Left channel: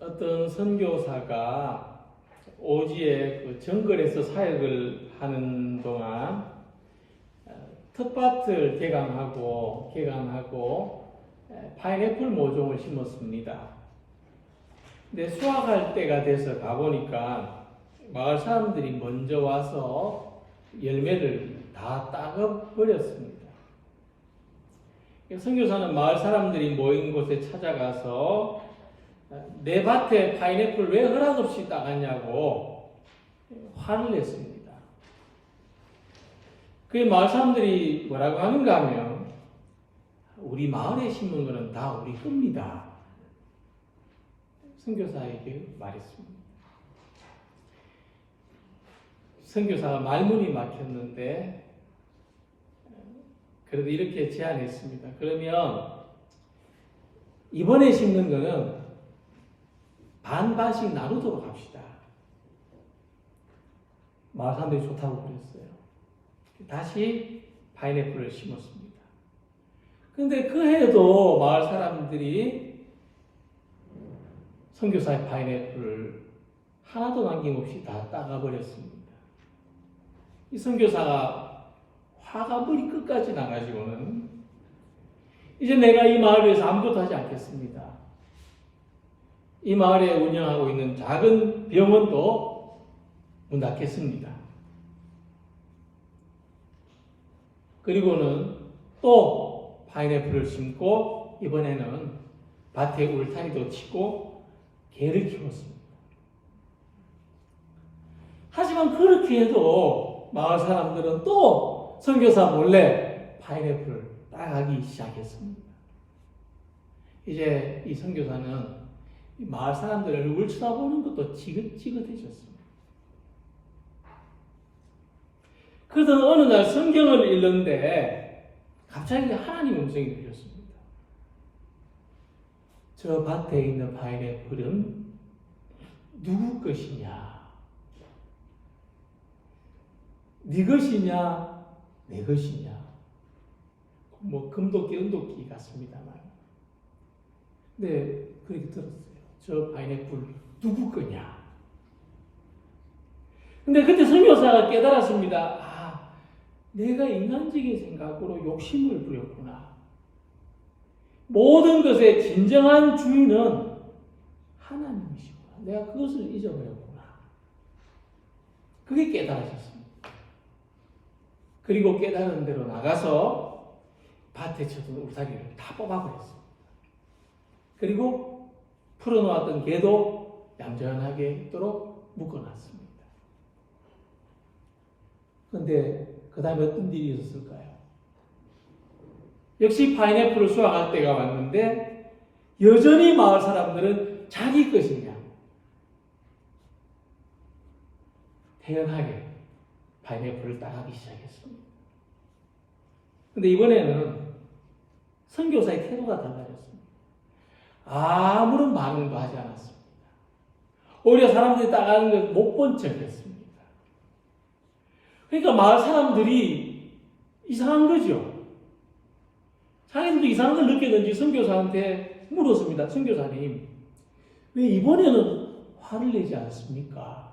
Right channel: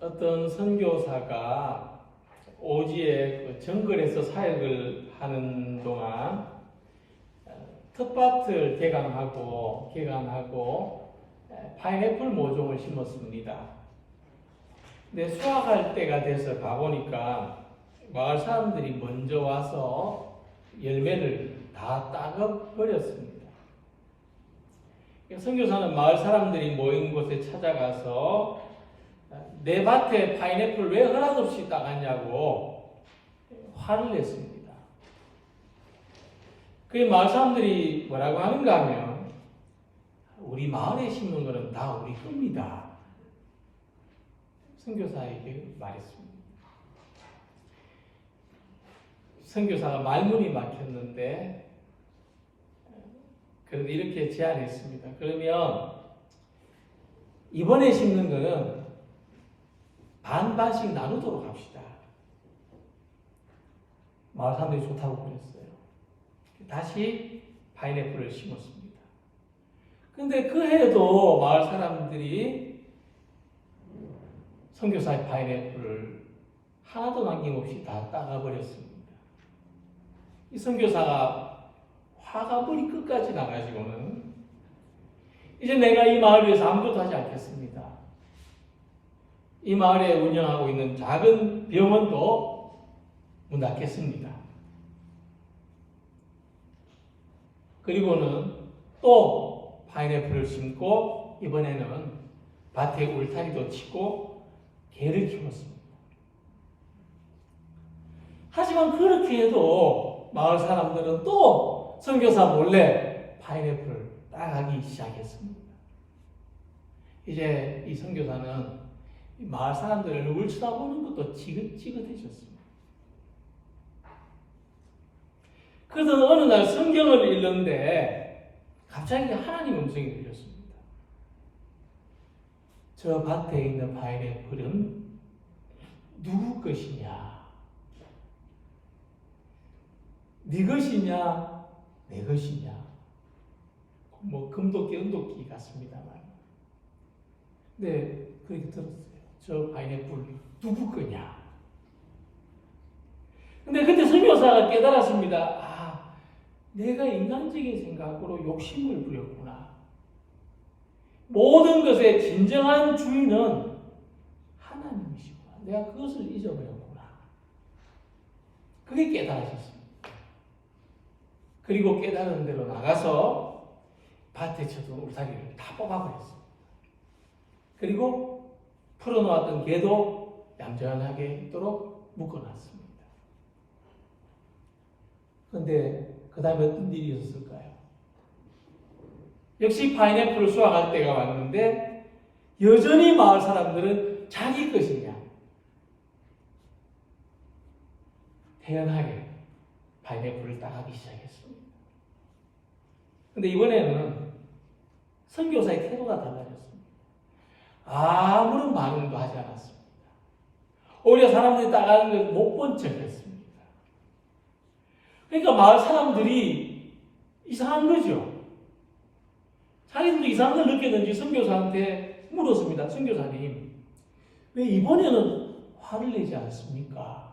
어떤 선교사가 오지에 그 정글에서 사역을 하는 동안 텃밭을 개간하고 파인애플 모종을 심었습니다. 근데 수확할 때가 돼서 가보니까 마을 사람들이 먼저 와서 열매를 다 따가버렸습니다. 선교사는 마을 사람들이 모인 곳에 찾아가서 내 밭에 파인애플 왜 허락 없이 따갔냐고 화를 냈습니다. 그게 마을 사람들이 뭐라고 하는가 하면 우리 마을에 심은 것은 다 우리 겁니다. 선교사에게 말했습니다. 선교사가 말문이 막혔는데 그래도 이렇게 제안했습니다. 그러면 이번에 심는 거는 반반씩 나누도록 합시다. 마을 사람들이 좋다고 그랬어요. 다시 파인애플을 심었습니다. 그런데 그 해에도 마을 사람들이 선교사의 파인애플을 하나도 남김없이 다 따가버렸습니다. 이 선교사가 화가 머리 끝까지 나가지고는 이제 내가 이 마을 위해서 아무것도 하지 않겠습니다. 이 마을에 운영하고 있는 작은 병원도 문 닫겠습니다. 그리고는 또 파인애플을 심고 이번에는 밭에 울타리도 치고 개를 키웠습니다. 하지만 그렇게 해도 마을 사람들은 또 선교사 몰래 파인애플을 따가기 시작했습니다. 이제 이 선교사는 마을 사람들의 얼굴 쳐다보는 것도 지긋지긋해졌습니다. 그러던 어느 날 성경을 읽는데 갑자기 하나님 음성이 들렸습니다. 저 밭에 있는 파인애플은 누구 것이냐? 네 것이냐? 내 것이냐? 뭐 금도끼, 은도끼 같습니다만. 네, 그렇게 들었어요. 저 파인애플 누구 거냐? 근데 그때 선교사가 깨달았습니다. 아, 내가 인간적인 생각으로 욕심을 부렸구나. 모든 것의 진정한 주인은 하나님이시구나. 내가 그것을 잊어버렸구나. 그게 깨달아졌습니다. 그리고 깨달은 대로 나가서 밭에 쳐둔 울타리를 다 뽑아버렸습니다. 그리고 풀어놓았던 개도 얌전하게 있도록 묶어놨습니다. 그런데 그 다음에 어떤 일이 있었을까요? 역시 파인애플을 수확할 때가 왔는데 여전히 마을 사람들은 자기 것이냐 태연하게 파인애플을 따가기 시작했습니다. 그런데 이번에는 선교사의 태도가 달라졌습니다. 아무런 반응도 하지 않았습니다. 오히려 사람들이 따가는 걸 못 본 척했습니다. 그러니까 마을 사람들이 이상한 거죠. 자기들도 이상한 걸 느꼈는지 선교사한테 물었습니다. 선교사님, 왜 이번에는 화를 내지 않습니까?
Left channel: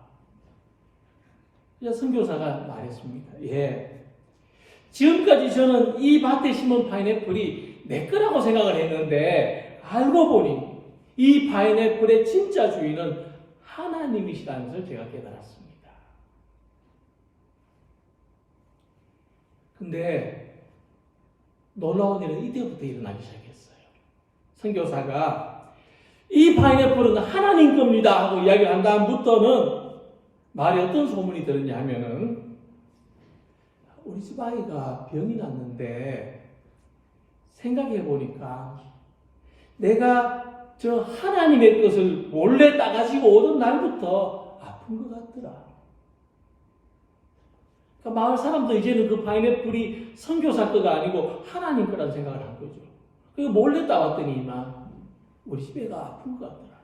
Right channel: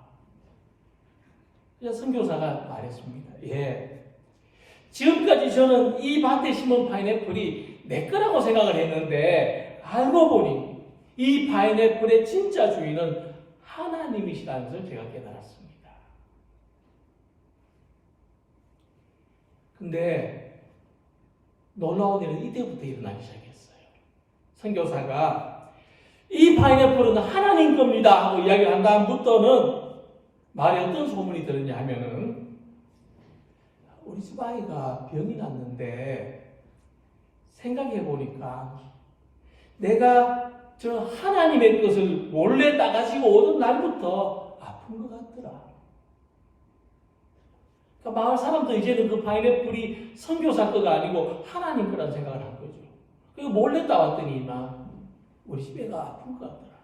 그래서 선교사가 말했습니다. 예, 지금까지 저는 이 밭에 심은 파인애플이 내 거라고 생각을 했는데 알고 보니 이 파인애플의 진짜 주인은 하나님이시라는 것을 제가 깨달았습니다. 근데 놀라운 일은 이때부터 일어나기 시작했어요. 선교사가 이 파인애플은 하나님 겁니다 하고 이야기를 한 다음부터는 말에 어떤 소문이 들었냐 하면은 우리 집 아이가 병이 났는데 생각해 보니까 내가 저 하나님의 것을 몰래 따가지고 오던 날부터 아픈 것 같더라. 그러니까 마을 사람도 이제는 그 파인애플이 선교사 거가 아니고 하나님 거라는 생각을 한 거죠. 그리고 몰래 따왔더니만 우리 집 애가 아픈 것 같더라.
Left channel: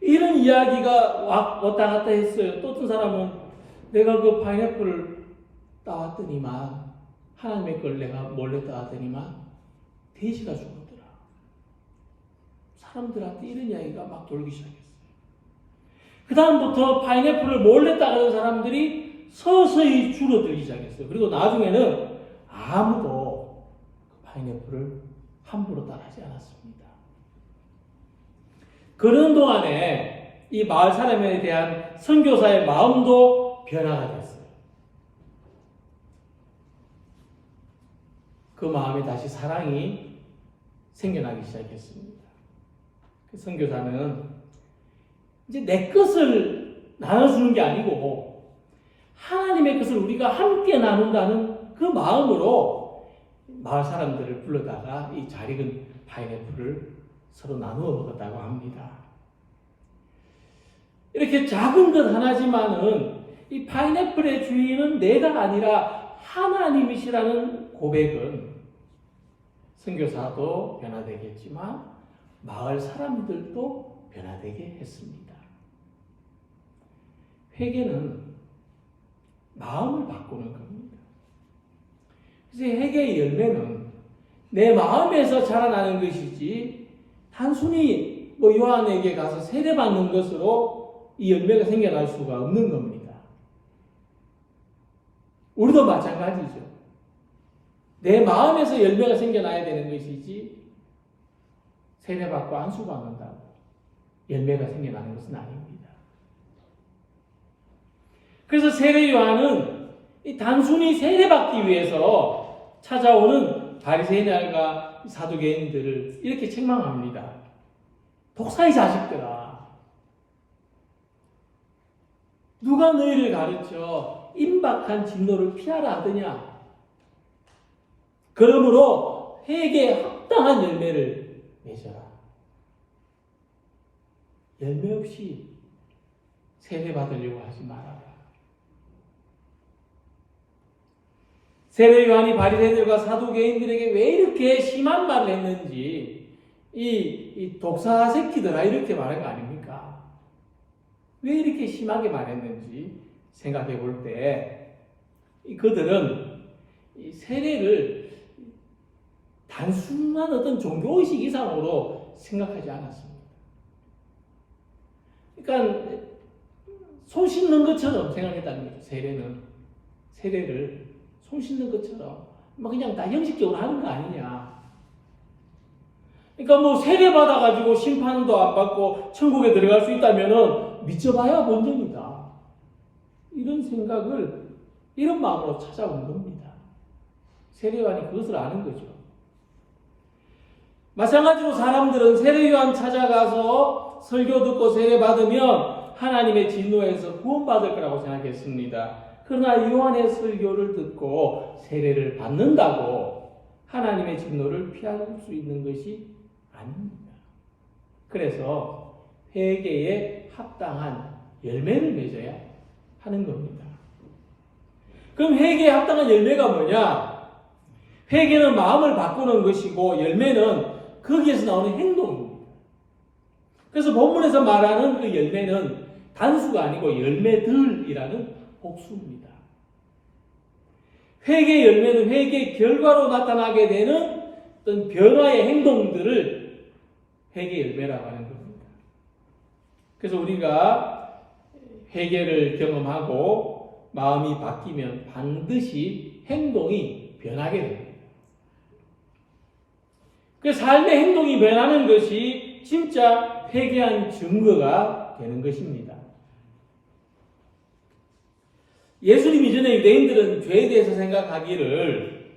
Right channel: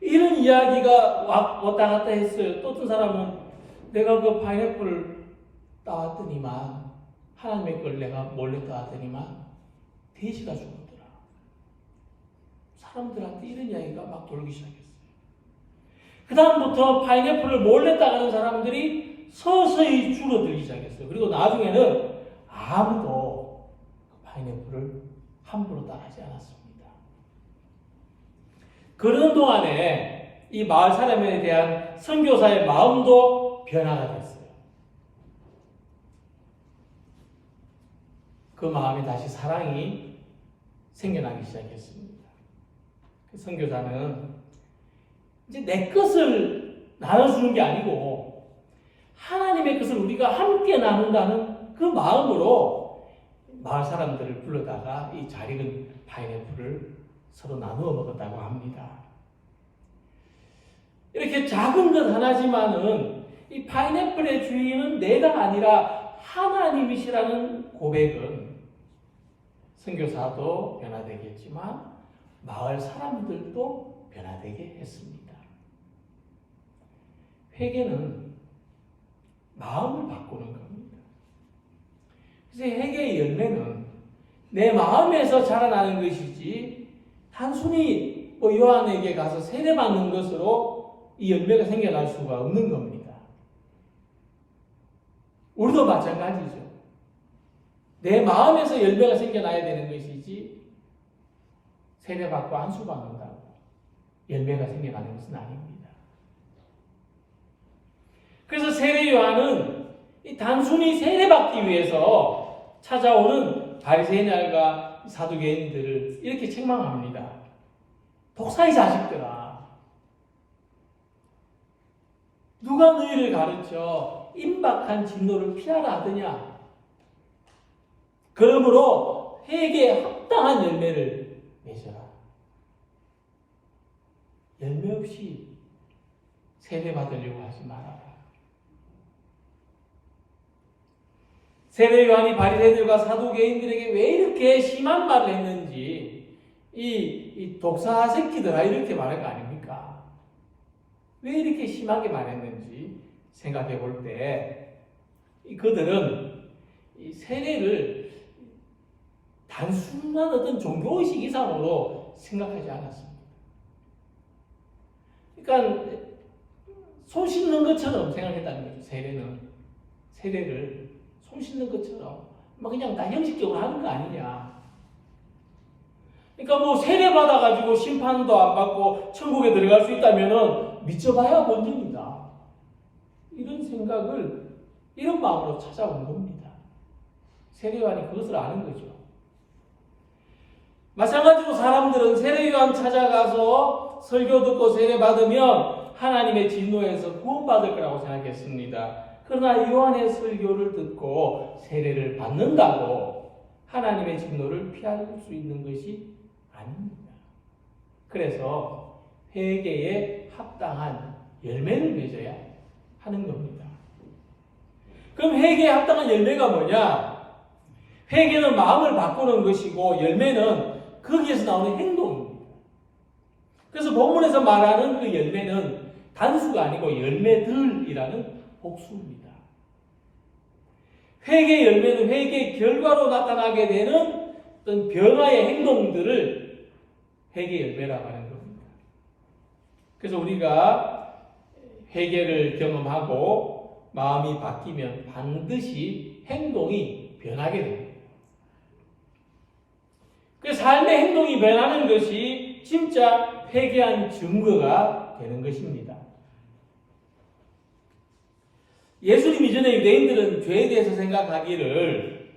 이런 이야기가 왔다 갔다 했어요. 또 어떤 사람은 내가 그 파인애플을 따왔더니만 하나님의 걸 내가 몰래 따왔더니만 돼지가 죽었더라. 사람들한테 이런 이야기가 막 돌기 시작했어요. 그 다음부터 파인애플을 몰래 따르는 사람들이 서서히 줄어들기 시작했어요. 그리고 나중에는 아무도 파인애플을 함부로 따르지 않았습니다. 그런 동안에 이 마을 사람에 대한 선교사의 마음도 변화가 됐어요. 그 마음에 다시 사랑이 생겨나기 시작했습니다. 그 선교사는 이제 내 것을 나눠주는 게 아니고 하나님의 것을 우리가 함께 나눈다는 그 마음으로 마을 사람들을 불러다가 이 잘 익은 파인애플을 서로 나누어 먹었다고 합니다. 이렇게 작은 것 하나지만은 이 파인애플의 주인은 내가 아니라 하나님이시라는 고백은 선교사도 변화되겠지만 마을 사람들도 변화되게 했습니다. 회개는 마음을 바꾸는 겁니다. 그래서 회개의 열매는 내 마음에서 자라나는 것이지 단순히 요한에게 가서 세례받는 것으로 이 열매가 생겨날 수가 없는 겁니다. 우리도 마찬가지죠. 내 마음에서 열매가 생겨나야 되는 것이지 세례받고 안수받는다고 열매가 생겨나는 것은 아닙니다. 그래서 세례 요한은 단순히 세례받기 위해서 찾아오는 바리새인과 사두개인들을 이렇게 책망합니다. 독사의 자식들아, 누가 너희를 가르쳐 임박한 진노를 피하라 하더냐? 그러므로 회개에 합당한 열매를 맺어라. 열매 없이 세례받으려고 하지 말아라. 세례 요한이 바리새인들과 사두개인들에게 왜 이렇게 심한 말을 했는지 이 독사 새끼들아 이렇게 말한 거 아닙니까? 왜 이렇게 심하게 말했는지 생각해 볼 때 그들은 이 세례를 단순한 어떤 종교의식 이상으로 생각하지 않았습니다. 그러니까 손 씻는 것처럼 생각했다는 거죠. 세례를 손 씻는 것처럼 그냥 다 형식적으로 하는 거 아니냐. 그러니까 세례 받아가지고 심판도 안 받고 천국에 들어갈 수 있다면은 믿어봐야 본전이다. 이런 생각을 이런 마음으로 찾아온 겁니다. 세례요한이 그것을 아는 거죠. 마찬가지로 사람들은 세례요한 찾아가서 설교 듣고 세례 받으면 하나님의 진노에서 구원받을 거라고 생각했습니다. 그러나 요한의 설교를 듣고 세례를 받는다고 하나님의 진노를 피할 수 있는 것이 아닙니다. 그래서 회개에 합당한 열매를 맺어야 하는 겁니다. 그럼 회개에 합당한 열매가 뭐냐? 회개는 마음을 바꾸는 것이고 열매는 거기에서 나오는 행동입니다. 그래서 본문에서 말하는 그 열매는 단수가 아니고 열매들이라는 복수입니다. 회개 열매는 회개 결과로 나타나게 되는 어떤 변화의 행동들을 회개 열매라고 하는 겁니다. 그래서 우리가 회개를 경험하고 마음이 바뀌면 반드시 행동이 변하게 됩니다. 그 삶의 행동이 변하는 것이 진짜 회개한 증거가 되는 것입니다. 예수님 이전에 유대인들은 죄에 대해서 생각하기를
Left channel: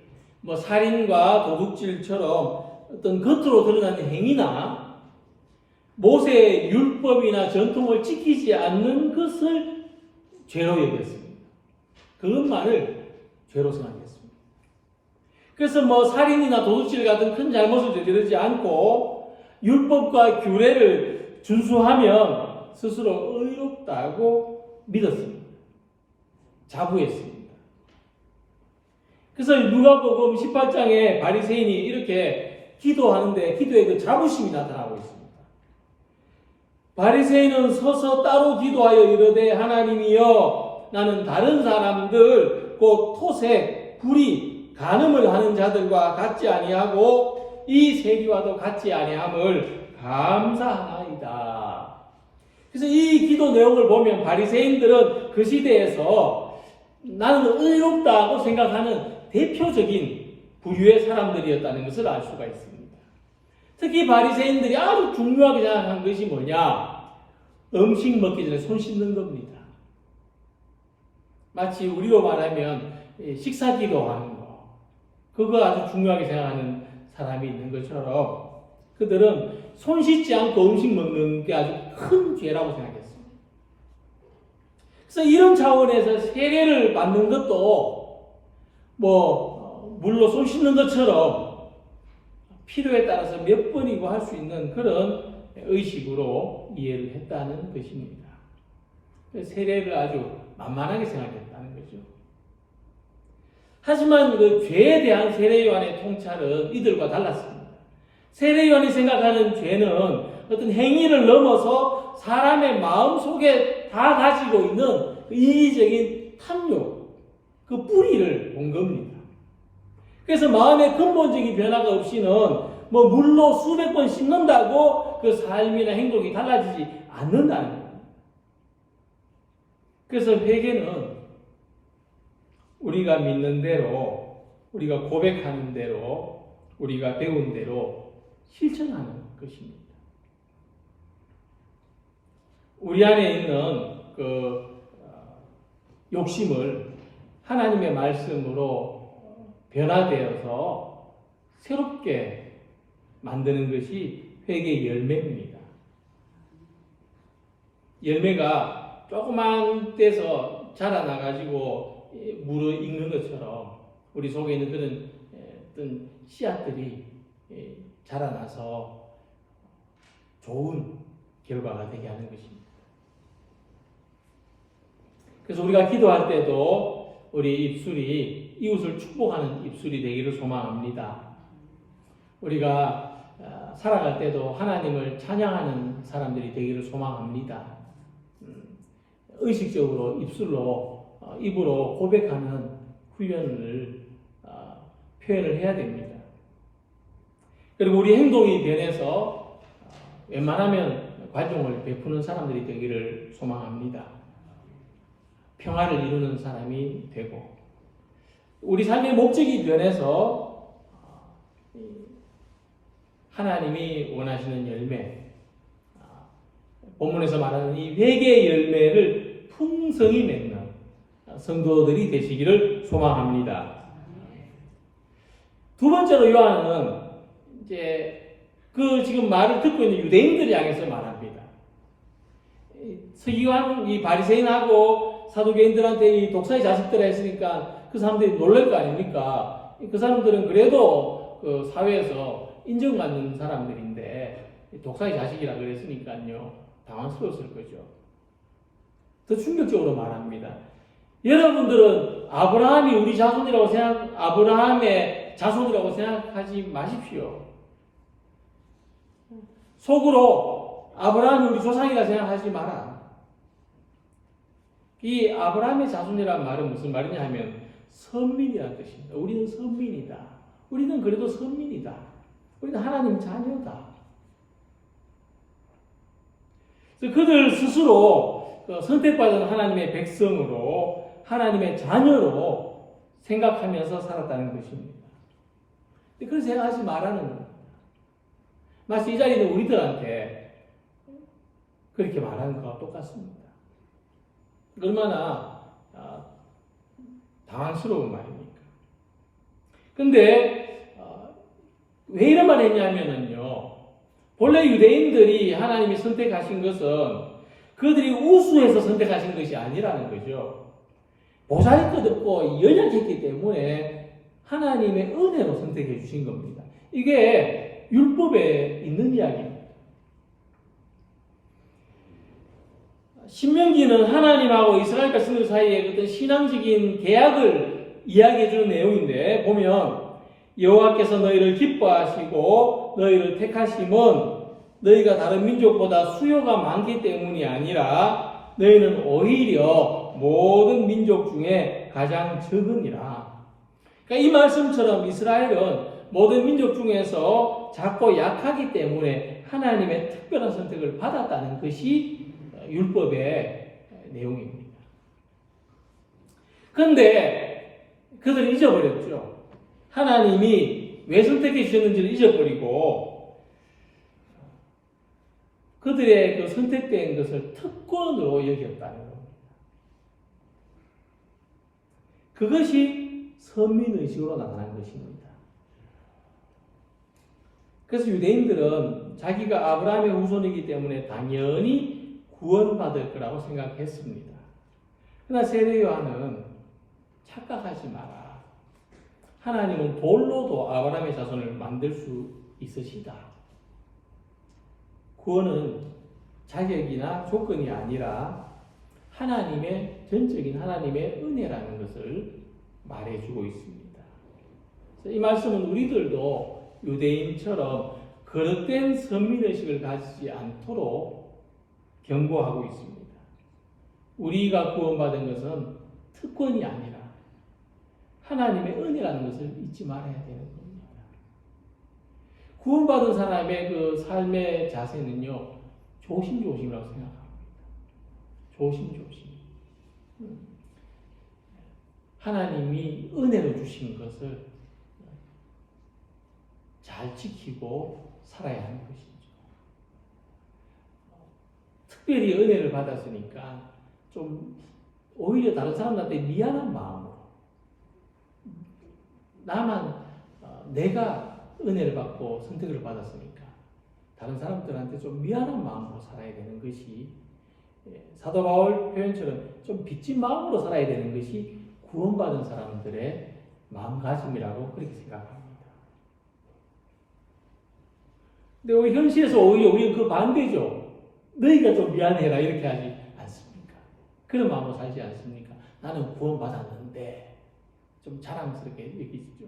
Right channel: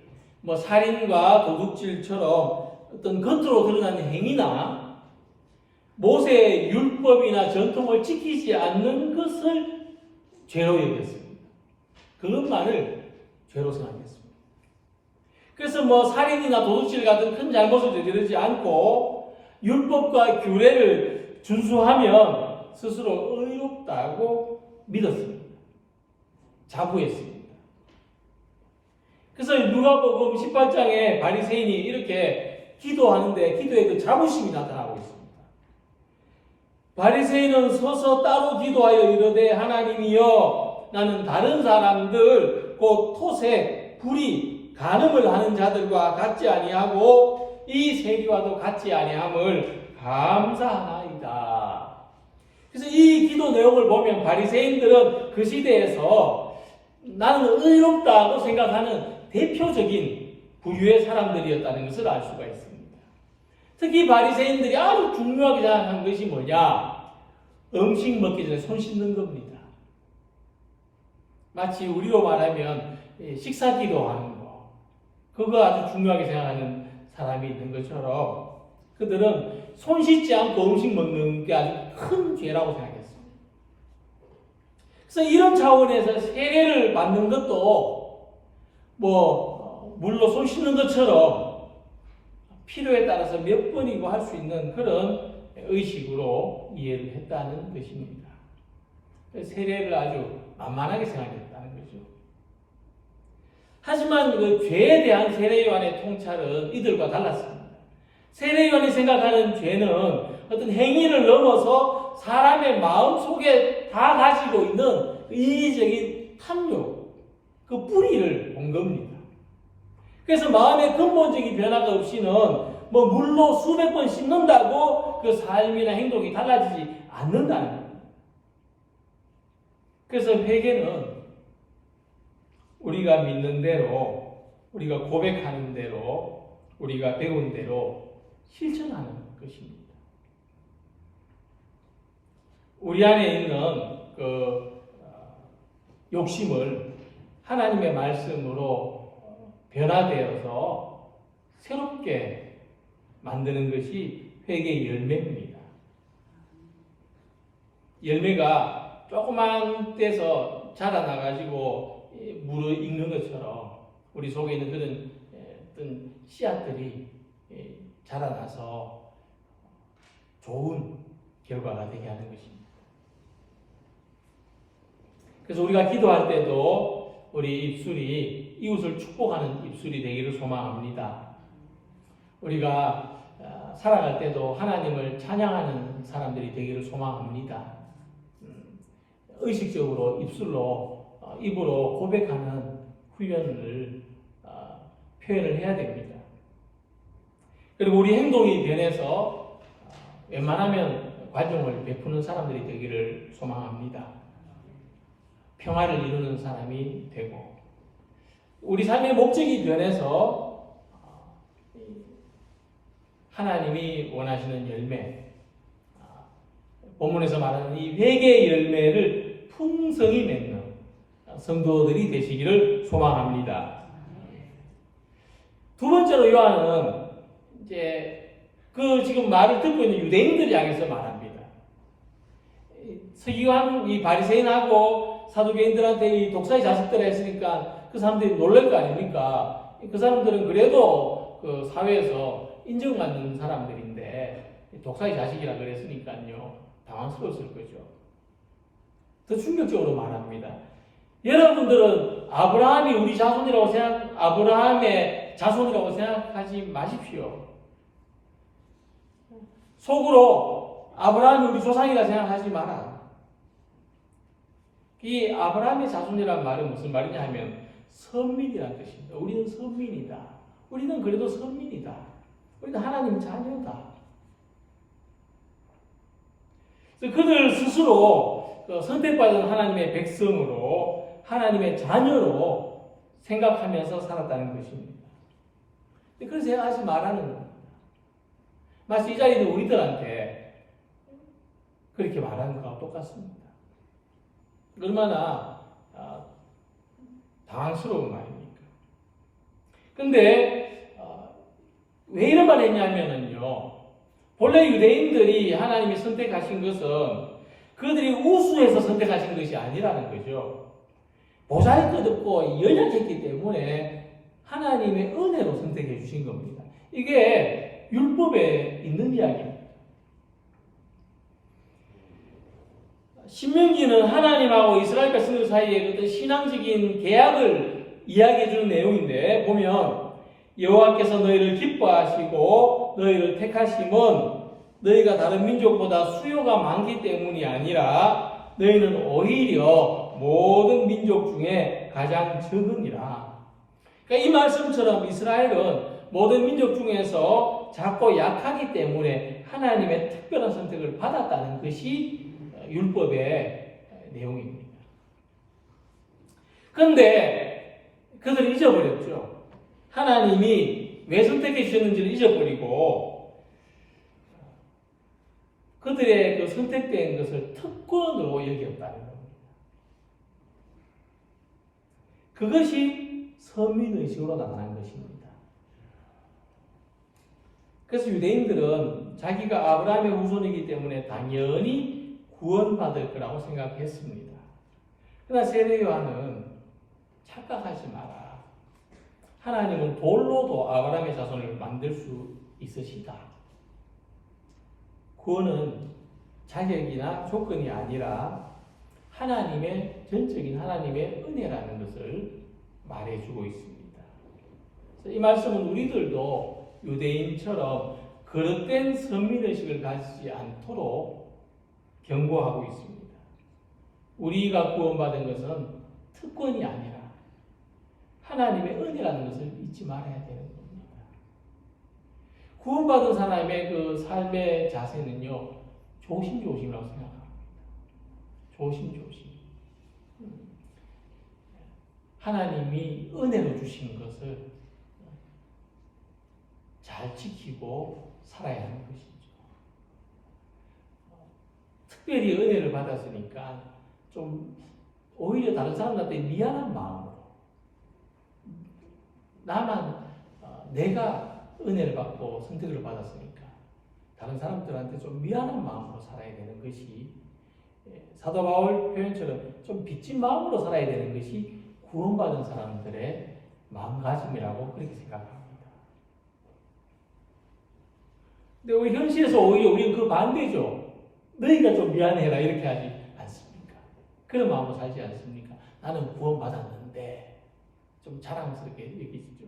살인과 도둑질처럼 어떤 겉으로 드러나는 행위나 모세의 율법이나 전통을 지키지 않는 것을 죄로 여겼습니다. 그것만을 죄로 생각했습니다. 그래서 살인이나 도둑질 같은 큰 잘못을 저지르지 않고 율법과 규례를 준수하면 스스로 의롭다고 믿었습니다. 자부했습니다. 그래서 누가복음 18장에 바리새인이 이렇게 기도하는데 기도에 그 자부심이 나타나고 있습니다. 바리새인은 서서 따로 기도하여 이르되 하나님이여 나는 다른 사람들 곧 토색, 불의, 간음을 하는 자들과 같지 아니하고 이 세리와도 같지 아니함을 감사하나이다. 그래서 이 기도 내용을 보면 바리새인들은 그 시대에서 나는 의롭다고 생각하는 대표적인 부류의 사람들이었다는 것을 알 수가 있습니다. 특히 바리새인들이 아주 중요하게 생각한 것이 뭐냐? 음식 먹기 전에 손 씻는 겁니다. 마치 우리로 말하면 식사기도 하는 거, 그거 아주 중요하게 생각하는 사람이 있는 것처럼 그들은 손 씻지 않고 음식 먹는 게 아주 큰 죄라고 생각했습니다. 그래서 이런 차원에서 세례를 받는 것도 물로 손 씻는 것처럼 필요에 따라서 몇 번이고 할 수 있는 그런 의식으로 이해를 했다는 것입니다. 세례를 아주 만만하게 생각했다는 거죠. 하지만 그 죄에 대한 세례요한의 통찰은 이들과 달랐습니다. 세례요한이 생각하는 죄는 어떤 행위를 넘어서 사람의 마음속에 다 가지고 있는 그 이기적인 탐욕, 그 뿌리를 본 겁니다. 그래서 마음의 근본적인 변화가 없이는 물로 수백 번 씻는다고 그 삶이나 행동이 달라지지 않는다는 겁니다. 그래서 회개는 우리가 믿는 대로, 우리가 고백하는 대로, 우리가 배운 대로 실천하는 것입니다. 우리 안에 있는 그 욕심을 하나님의 말씀으로 변화되어서 새롭게 만드는 것이 회개의 열매입니다. 열매가 조그만 떼서 자라나가지고 물을 익는 것처럼 우리 속에 있는 그런 어떤 씨앗들이 자라나서 좋은 결과가 되게 하는 것입니다. 그래서 우리가 기도할 때도 우리 입술이 이웃을 축복하는 입술이 되기를 소망합니다. 우리가 살아갈 때도 하나님을 찬양하는 사람들이 되기를 소망합니다. 의식적으로 입으로 고백하는 훈련을 표현을 해야 됩니다. 그리고 우리 행동이 변해서 웬만하면 관용을 베푸는 사람들이 되기를 소망합니다. 평화를 이루는 사람이 되고 우리 삶의 목적이 변해서 하나님이 원하시는 열매, 본문에서 말하는 이 회개의 열매를 풍성히 맺는 성도들이 되시기를 소망합니다. 두 번째로 요한은 이제 그 지금 말을 듣고 있는 유대인들을 향해서 말합니다. 서기관 이 바리새인하고 사두개인들한테 이 독사의 자식들을 했으니까 그 사람들이 놀랄 거 아닙니까? 그 사람들은 그래도 그 사회에서 인정받는 사람들인데 독사의 자식이라 그랬으니까요 당황스러웠을 거죠. 더 충격적으로 말합니다. 여러분들은 아브라함이 우리 자손이라고 아브라함의 자손이라고 생각하지 마십시오. 속으로 아브라함이 우리 조상이라 생각하지 마라. 이 아브라함의 자손이라는 말은 무슨 말이냐 하면 선민이라는 뜻입니다. 우리는 선민이다. 우리는 그래도 선민이다. 우리는 하나님 자녀다. 그래서 그들 스스로 선택받은 하나님의 백성으로 하나님의 자녀로 생각하면서 살았다는 것입니다. 그런 생각하지 말라는 겁니다. 마치 이 자리는 우리들한테 그렇게 말하는 것과 똑같습니다. 얼마나 당황스러운 말입니까? 근데 왜 이런 말을 했냐면요. 본래 유대인들이 하나님이 선택하신 것은 그들이 우수해서 선택하신 것이 아니라는 거죠. 보잘것없고 연약했기 때문에 하나님의 은혜로 선택해 주신 겁니다. 이게 율법에 있는 이야기입니다. 신명기는 하나님하고 이스라엘 백성들 사이의 어떤 신앙적인 계약을 이야기해 주는 내용인데 보면 여호와께서 너희를 기뻐하시고 너희를 택하심은 너희가 다른 민족보다 수요가 많기 때문이 아니라 너희는 오히려 모든 민족 중에 가장 적으니라. 그러니까 이 말씀처럼 이스라엘은 모든 민족 중에서 작고 약하기 때문에 하나님의 특별한 선택을 받았다는 것이 율법의 내용입니다. 그런데 그들은 잊어버렸죠. 하나님이 왜 선택해 주셨는지를 잊어버리고 그들의 그 선택된 것을 특권으로 여겼다는 겁니다. 그것이 선민의식으로 나타난 것입니다. 그래서 유대인들은 자기가 아브라함의 후손이기 때문에 당연히 구원받을 거라고 생각했습니다. 그러나 세례 요한은 착각하지 마라. 하나님은 돌로도 아브라함의 자손을 만들 수 있으시다. 구원은 자격이나 조건이 아니라 하나님의 전적인 하나님의 은혜라는 것을 말해주고 있습니다. 이 말씀은 우리들도 유대인처럼 거듭된 선민의식을 가지지 않도록 경고하고 있습니다. 우리가 구원받은 것은 특권이 아니라 하나님의 은혜라는 것을 잊지 말아야 되는 겁니다. 구원받은 사람의 그 삶의 자세는요, 조심조심이라고 생각합니다. 조심조심. 하나님이 은혜로 주신 것을 잘 지키고 살아야 하는 것이죠. 특별히 은혜를 받았으니까 좀 오히려 다른 사람들한테 미안한 마음으로 나만 내가 은혜를 받고 선택을 받았으니까 다른 사람들한테 좀 미안한 마음으로 살아야 되는 것이 사도 바울 표현처럼 좀 빚진 마음으로 살아야 되는 것이 구원받은 사람들의 마음가짐이라고 그렇게 생각합니다. 근데 우리 현실에서 오히려 우리는 그 반대죠. 너희가 좀 미안해라 이렇게 하지 않습니까? 그런 마음으로 살지 않습니까? 나는 구원받았는데 좀 자랑스럽게 여기시죠.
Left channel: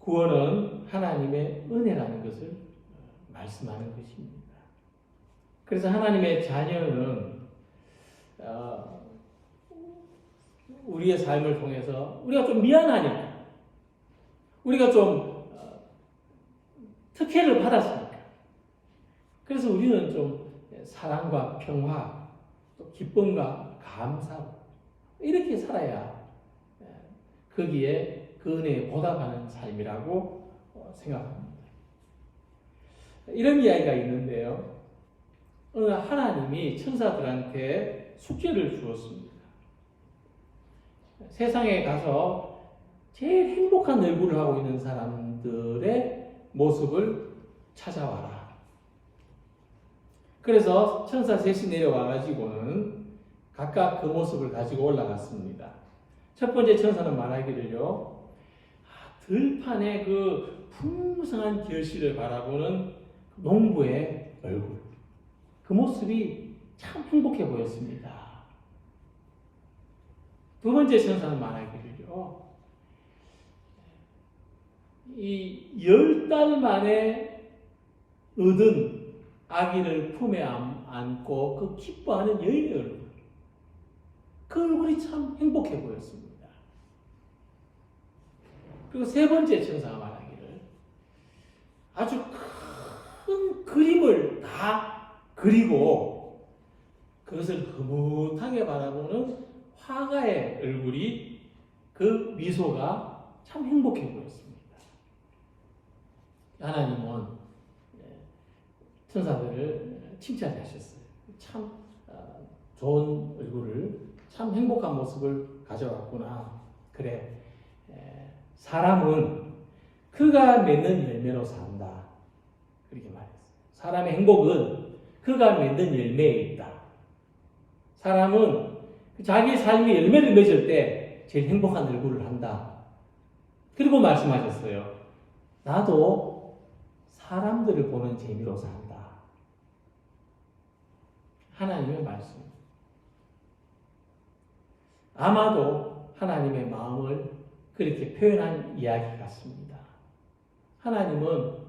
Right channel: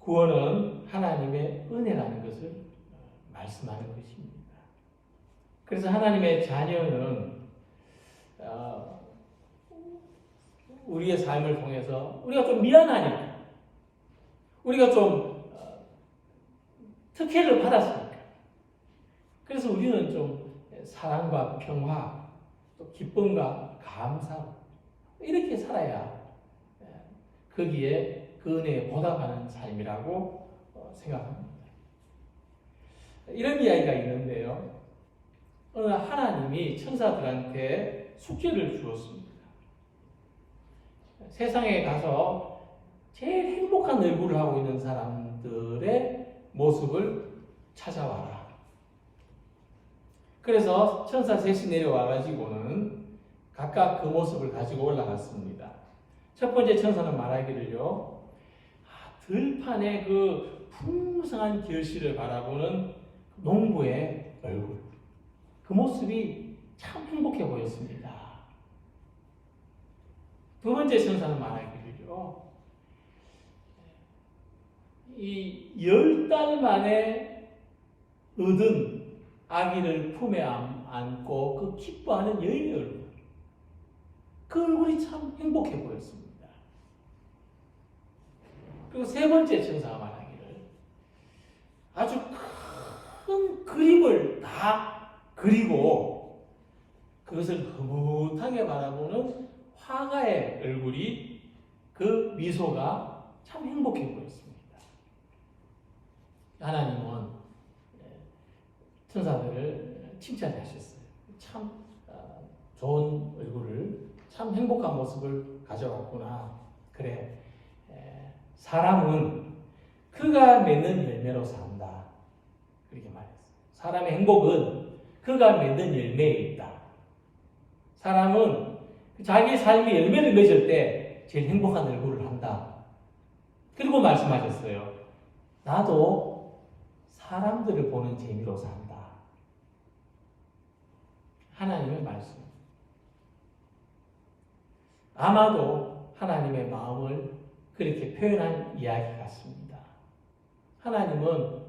구원은 하나님의 은혜라는 것을 말씀하는 것입니다. 그래서 하나님의 자녀는 우리의 삶을 통해서 우리가 좀 미안하니까 우리가 좀 특혜를 받았으니까 그래서 우리는 좀 사랑과 평화 또 기쁨과 감사 이렇게 살아야 거기에 그 은혜에 보답하는 삶이라고 생각합니다. 이런 이야기가 있는데요. 어느 하나님이 천사들한테 숙제를 주었습니다. 세상에 가서 제일 행복한 얼굴을 하고 있는 사람들의 모습을 찾아와라. 그래서 천사 셋이 내려와가지고는 각각 그 모습을 가지고 올라갔습니다. 첫 번째 천사는 말하기를요, 들판의 그 풍성한 결실을 바라보는 농부의 얼굴, 그 모습이 참 행복해 보였습니다. 두 번째 천사는 말하기를요, 이 10달 만에 얻은 아기를 품에 안고 그 기뻐하는 여인의 얼굴, 그 얼굴이 참 행복해 보였습니다. 그리고 세 번째 천사가 말하기를 아주 큰 그림을 다 그리고 그것을 흐뭇하게 바라보는 화가의 얼굴이 그 미소가 참 행복해 보였습니다. 하나님은 천사들을 칭찬하셨어요. 참 좋은 얼굴을, 참 행복한 모습을 가져왔구나. 그래, 사람은 그가 맺는 열매로 산다. 그렇게 말했어요. 사람의 행복은 그가 맺는 열매에 있다. 사람은 자기 삶의 열매를 맺을 때 제일 행복한 얼굴을 한다. 그리고 말씀하셨어요. 나도 사람들을 보는 재미로 산다. 하나님의 말씀. 아마도 하나님의 마음을 그렇게 표현한 이야기 같습니다. 하나님은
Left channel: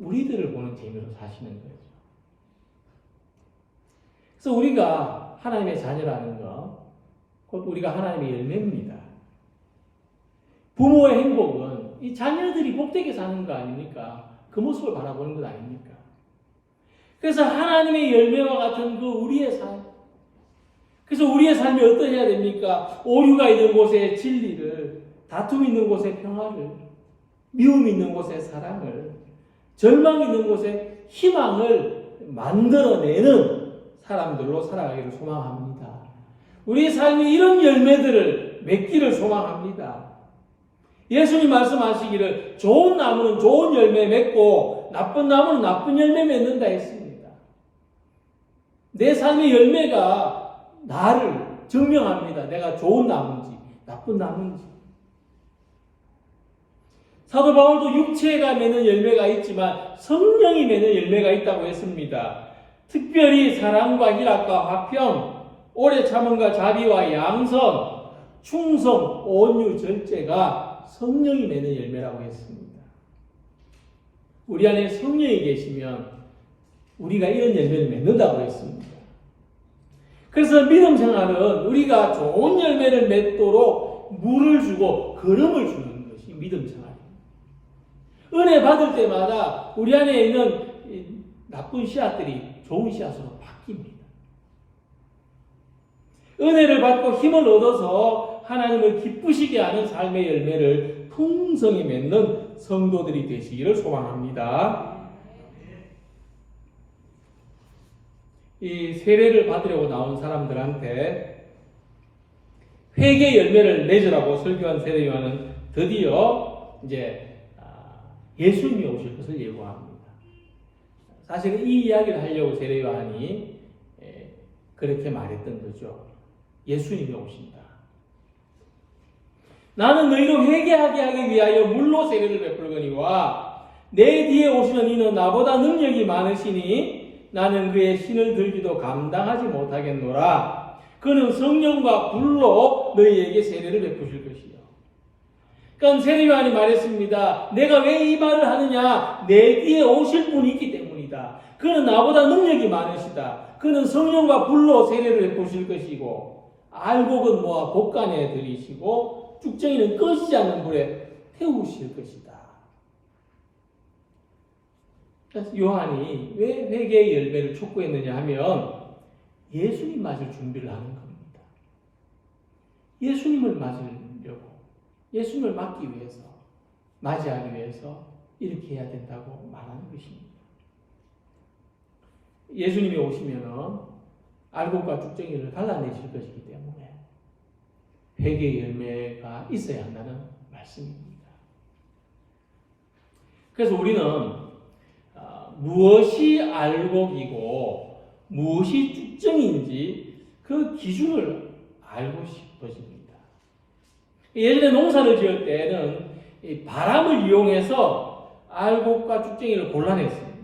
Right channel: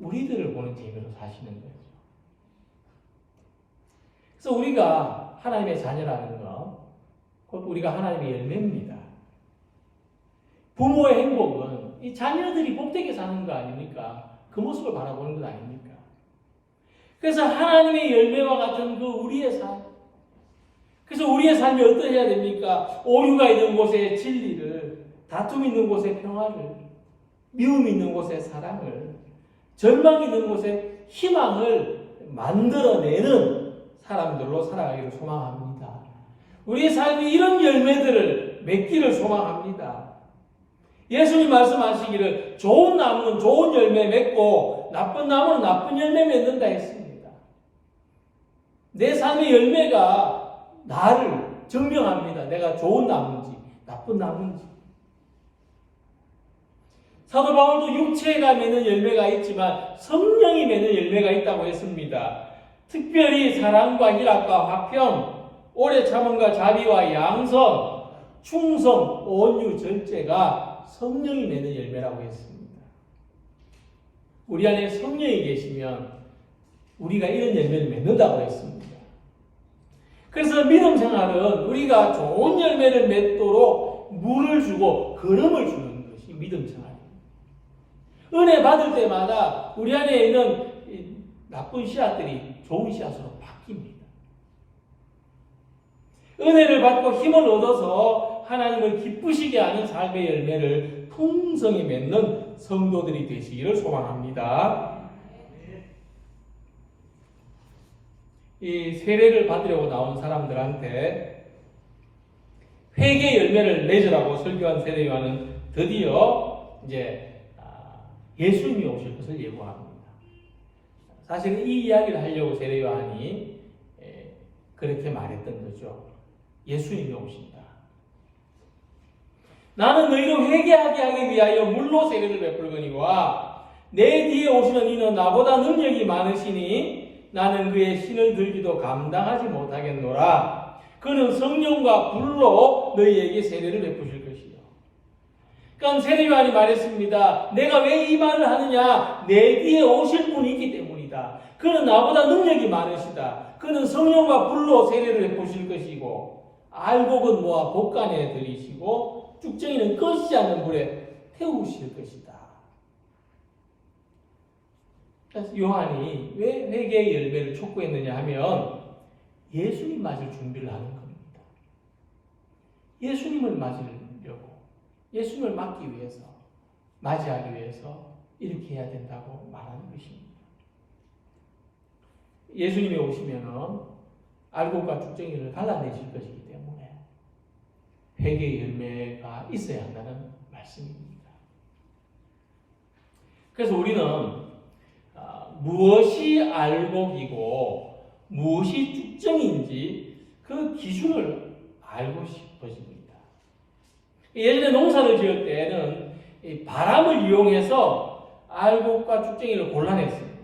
우리들을 보는 재미로 사시는 거죠. 그래서 우리가 하나님의 자녀라는 것, 곧 우리가 하나님의 열매입니다. 부모의 행복은 이 자녀들이 복되게 사는 거 아닙니까? 그 모습을 바라보는 것 아닙니까? 그래서 하나님의 열매와 같은 그 우리의 삶, 그래서 우리의 삶이 어떠해야 됩니까? 오류가 있는 곳에 진리를, 다툼 있는 곳에 평화를, 미움 있는 곳에 사랑을, 절망 있는 곳에 희망을 만들어내는 사람들로 살아가기를 소망합니다. 우리의 삶이 이런 열매들을 맺기를 소망합니다. 예수님 말씀하시기를 좋은 나무는 좋은 열매 맺고 나쁜 나무는 나쁜 열매 맺는다 했습니다. 내 삶의 열매가 나를 증명합니다. 내가 좋은 나무인지 나쁜 나무인지. 사도 바울도 육체가 맺는 열매가 있지만 성령이 맺는 열매가 있다고 했습니다. 특별히 사랑과 희락과 화평, 오래 참음과 자비와 양선, 충성, 온유, 절제가 성령이 맺는 열매라고 했습니다. 우리 안에 성령이 계시면 우리가 이런 열매를 맺는다고 했습니다. 그래서 믿음 생활은 우리가 좋은 열매를 맺도록 물을 주고 걸음을 주는 것이 믿음 생활입니다. 은혜 받을 때마다 우리 안에 있는 나쁜 씨앗들이 좋은 씨앗으로 바뀝니다. 은혜를 받고 힘을 얻어서 하나님을 기쁘시게 하는 삶의 열매를 풍성히 맺는 성도들이 되시기를 소망합니다. 이 세례를 받으려고 나온 사람들한테 회개 열매를 맺으라고 설교한 세례요한은 드디어 이제 예수님이 오실 것을 예고합니다. 사실은 이 이야기를 하려고 세례요한이 그렇게 말했던 거죠. 예수님이 오신다. 나는 너희로 회개하게 하기 위하여 물로 세례를 베풀거니와 내 뒤에 오시는 이는 나보다 능력이 많으시니 나는 그의 신을 들기도 감당하지 못하겠노라. 그는 성령과 불로 너희에게 세례를 베푸실 것이요. 그러니까 세례요한이 말했습니다. 내가 왜 이 말을 하느냐? 내 뒤에 오실 분이 있기 때문이다. 그는 나보다 능력이 많으시다. 그는 성령과 불로 세례를 베푸실 것이고 알곡은 모아 곡간에 들이시고 쭉정이는 꺼지지 않는 불에 태우실 것이다. 그래서 요한이 왜 회개의 열매를 촉구했느냐 하면 예수님 맞을 준비를 하는 겁니다. 예수님을 맞으려고, 예수님을 맞기 위해서, 맞이하기 위해서 이렇게 해야 된다고 말하는 것입니다. 예수님이 오시면 알곡과 쭉정이를 갈라내실 것이기 때문에 회개의 열매가 있어야 한다는 말씀입니다. 그래서 우리는 무엇이 알곡이고 무엇이 쭉정인지 그 기준을 알고 싶어집니다. 예전에 농사를 지을 때는 바람을 이용해서 알곡과 쭉정이를 골라냈습니다.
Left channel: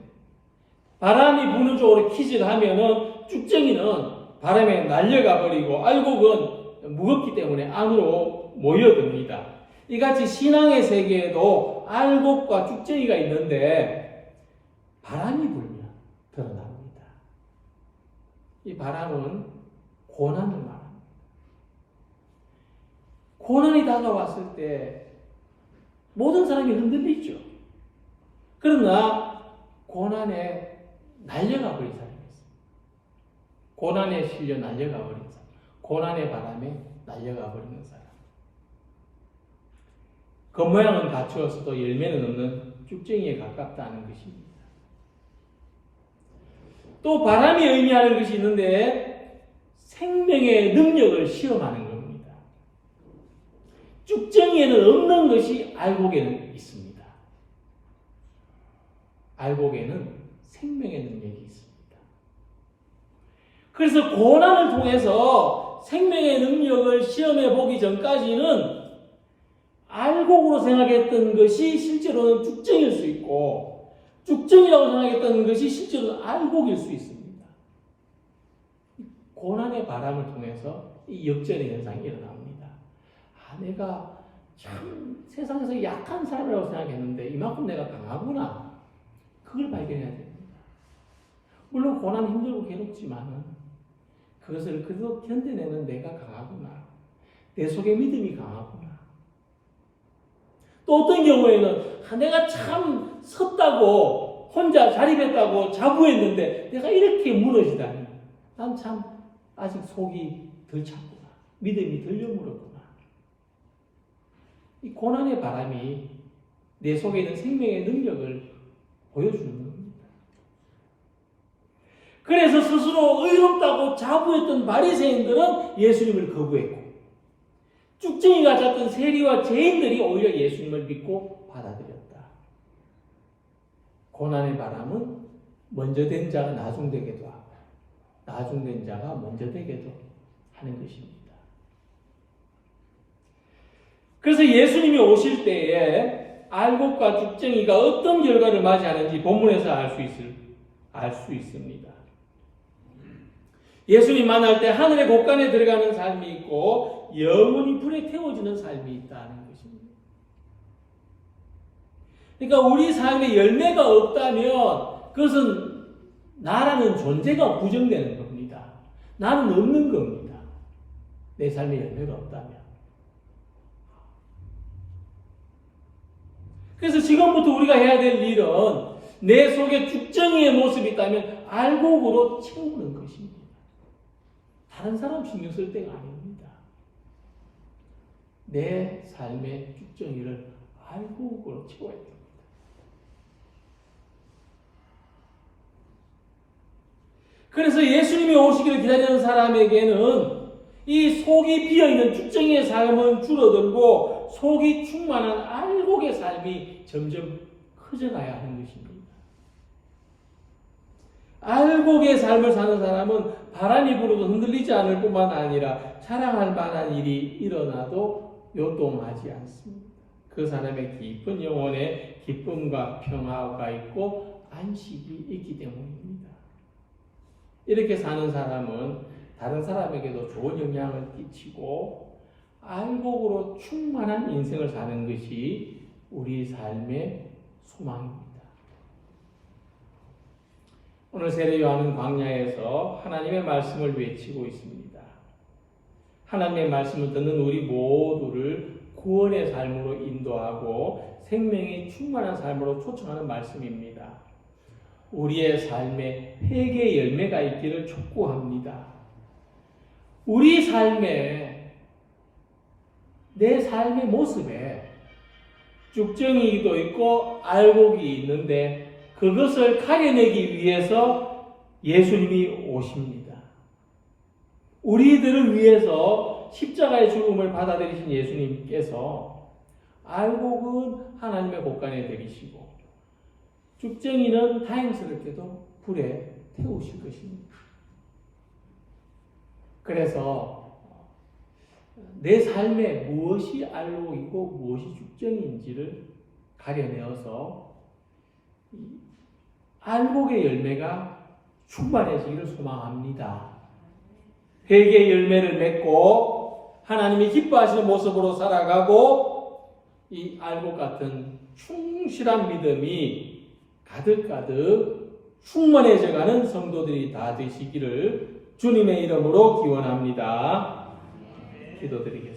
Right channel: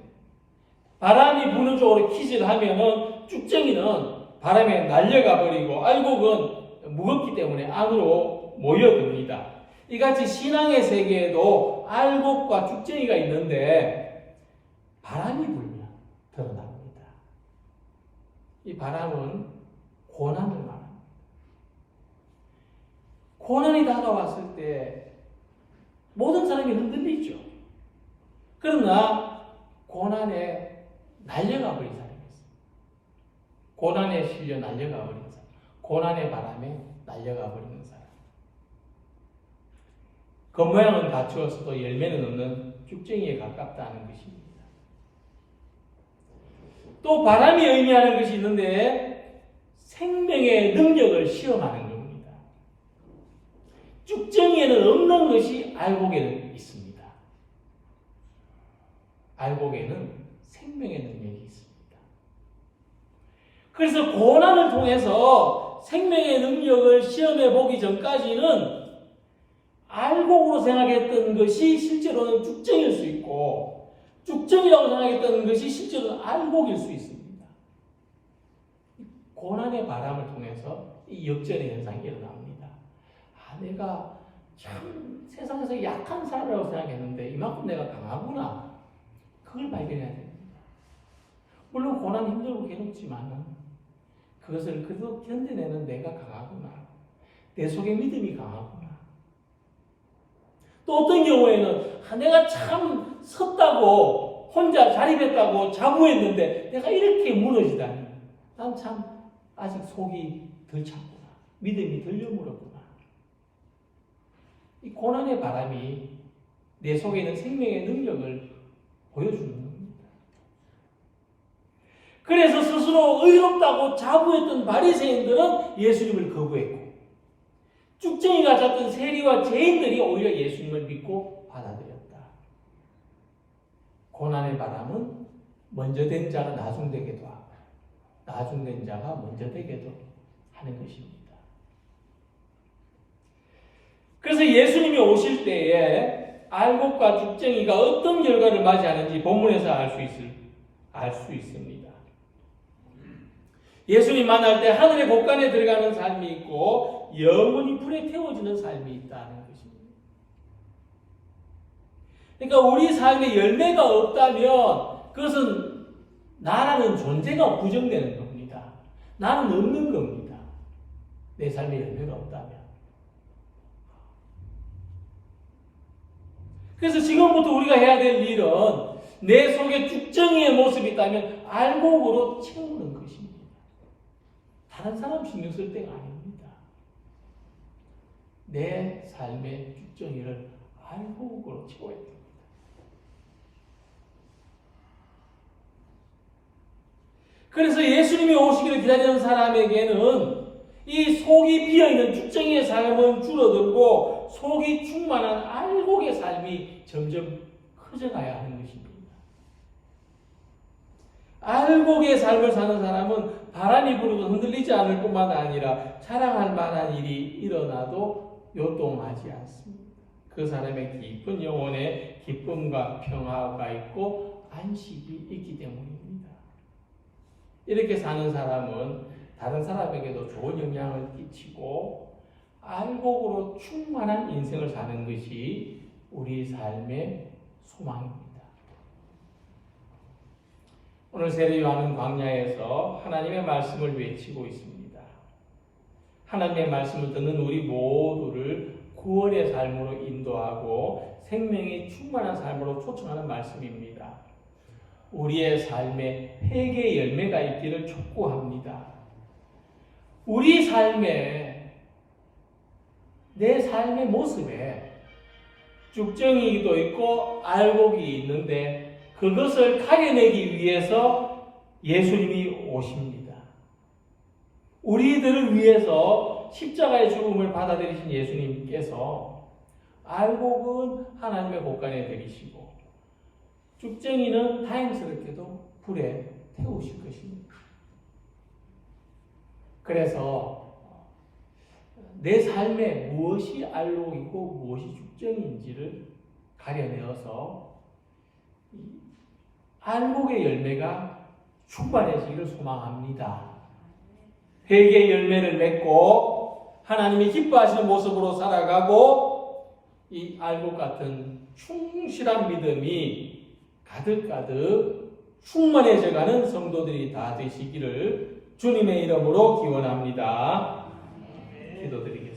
바람이 부는 쪽으로 킥을 하면은 쭉정이는 바람에 날려가 버리고 알곡은 무겁기 때문에 안으로 모여듭니다. 이같이 신앙의 세계에도 알곡과 쭉정이가 있는데 바람이 불면 드러납니다. 이 바람은 고난을 말합니다. 고난이 다가왔을 때 모든 사람이 흔들리죠. 그러나 고난에 날려가 버린 사람이 있어요. 고난에 실려 날려가 버린 사람. 고난의 바람에 날려가 버리는 사람. 겉모양은 갖추었어도 열매는 없는 쭉정이에 가깝다는 것입니다. 또 바람이 의미하는 것이 있는데 생명의 능력을 시험하는 겁니다. 쭉정이에는 없는 것이 알곡에는 있습니다. 알곡에는 생명의 능력이 있습니다. 그래서 고난을 통해서 생명의 능력을 시험해 보기 전까지는 알곡으로 생각했던 것이 실제로는 쭉정일 수 있고 쭉정이라고 생각했던 것이 실제로는 알곡일 수 있습니다. 고난의 바람을 통해서 이 역전의 현상이 일어납니다. 내가 참 세상에서 약한 사람이라고 생각했는데 이만큼 내가 강하구나. 그걸 발견해야 됩니다. 물론 고난 힘들고 괴롭지만 그것을 그래도 견뎌내는 내가 강하구나. 내 속에 믿음이 강하구나. 또 어떤 경우에는 내가 참 섰다고 혼자 자립했다고 자부했는데 내가 이렇게 무너지다니 난 참 아직 속이 덜 찼구나. 믿음이 덜 여물었구나. 이 고난의 바람이 내 속에 있는 생명의 능력을 보여주는 겁니다. 그래서 스스로 의롭다고 자부했던 바리새인들은 예수님을 거부했고 쭉정이 가졌던 세리와 죄인들이 오히려 예수님을 믿고 받아들였다. 고난의 바람은 먼저 된 자가 나중되게도 하고 나중된 자가 먼저 되게도 하는 것입니다. 그래서 예수님이 오실 때에 알곡과 쭉정이가 어떤 결과를 맞이하는지 본문에서 알 수 있습니다. 예수님 만날 때 하늘의 곳간에 들어가는 삶이 있고 영원히 불에 태워지는 삶이 있다는 것입니다. 그러니까 우리 삶에 열매가 없다면 그것은 나라는 존재가 부정되는 겁니다. 나는 없는 겁니다. 내 삶에 열매가 없다면. 그래서 지금부터 우리가 해야 될 일은 내 속에 쭉정이의 모습이 있다면 알곡으로 채우는 것입니다. 다른 사람 신경 쓸 때가 아닙니다. 내 삶의 쭉정이를 알곡으로 채워야 됩니다. 그래서 예수님이 오시기를 기다리는 사람에게는 이 속이 비어있는 쭉정이의 삶은 줄어들고 속이 충만한 알곡의 삶이 점점 커져가야 하는 것입니다. 알곡의 삶을 사는 사람은 바람이 불어도 흔들리지 않을 뿐만 아니라 자랑할 만한 일이 일어나도 요동하지 않습니다. 그 사람의 깊은 영혼에 기쁨과 평화가 있고 안식이 있기 때문입니다. 이렇게 사는 사람은 다른 사람에게도 좋은 영향을 끼치고 알곡으로 충만한 인생을 사는 것이 우리 삶의 소망입니다. 오늘 세례 요한은 광야에서 하나님의 말씀을 외치고 있습니다. 하나님의 말씀을 듣는 우리 모두를 구원의 삶으로 인도하고 생명이 충만한 삶으로 초청하는 말씀입니다. 우리의 삶에 회개의 열매가 있기를 촉구합니다. 우리 삶에, 내 삶의 모습에 쭉정이도 있고 알곡이 있는데 그것을 가려내기 위해서 예수님이 오십니다. 우리들을 위해서 십자가의 죽음을 받아들이신 예수님께서 알곡은 하나님의 곳간에 들이시고 쭉정이는 다행스럽게도 불에 태우실 것입니다. 그래서 내 삶에 무엇이 알곡이고 무엇이 쭉정인지를 가려내어서 알곡의 열매가 충만해지기를 소망합니다. 회개의 열매를 맺고 하나님이 기뻐하시는 모습으로 살아가고 이 알곡 같은 충실한 믿음이 가득가득 충만해져가는 성도들이 다 되시기를 주님의 이름으로 기원합니다. 기도드리겠습니다.